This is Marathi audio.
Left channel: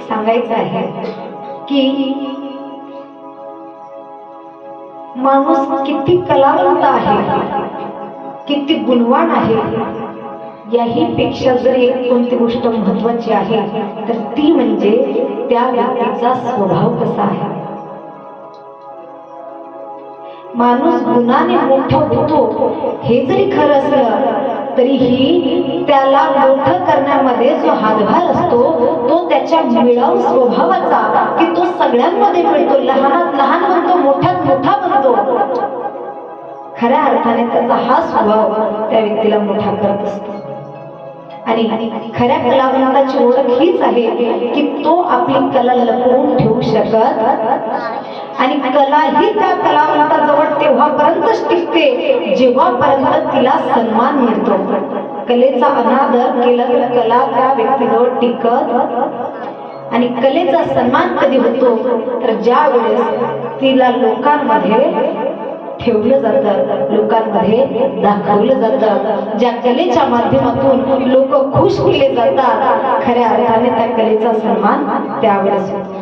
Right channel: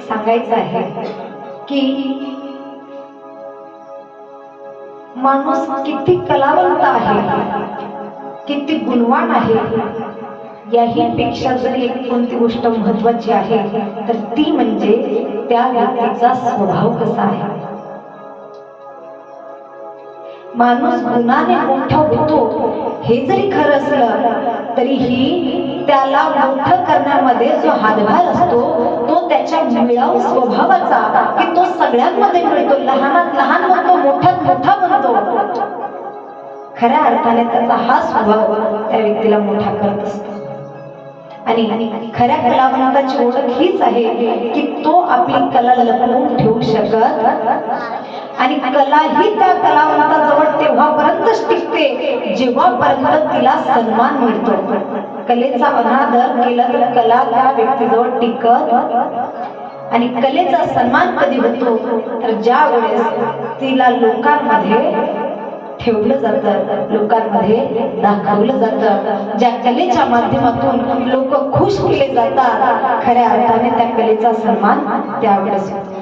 सांगायचं आहे की माणूस किती कलावंत आहे किती गुणवान आहे याही पेक्षा जर एक कोणती गोष्ट महत्वाची आहे तर ती म्हणजे त्या व्यक्तीचा स्वभाव कसा आहे. माणूस गुणाने मोठा होतो हे जरी खरं असलं तरीही त्याला मोठं मिळाव स्वभावाचा की तो सगळ्यांमध्ये मिळतो. लहानात लहान म्हणतो मोठ्यात मोठा बनतो खऱ्या अर्थाने त्याचा हा स्वभाव त्या व्यक्तीला मोठा करत असतो. आणि खऱ्या कलावंताची ओळख हीच आहे की तो आपली कला लपवून ठेवू शकत आणि कला ही त्या कलावंताजवळ तेव्हापर्यंतच टिकते जेव्हापर्यंत तिला सन्मान मिळतो. कलेचा अनादर केला तर कला त्या व्यक्तीजवळ टिकत आणि कलेचा सन्मान कधी होतो तर ज्या वेळेस तिला लोकांमध्ये ठेवलं जातं लोकांमध्ये दाखवलं जातं ज्या कलेच्या माध्यमातून लोक खुश केले जातात खऱ्या अर्थाने त्या कलेचा सन्मान त्यावेळेस होतो.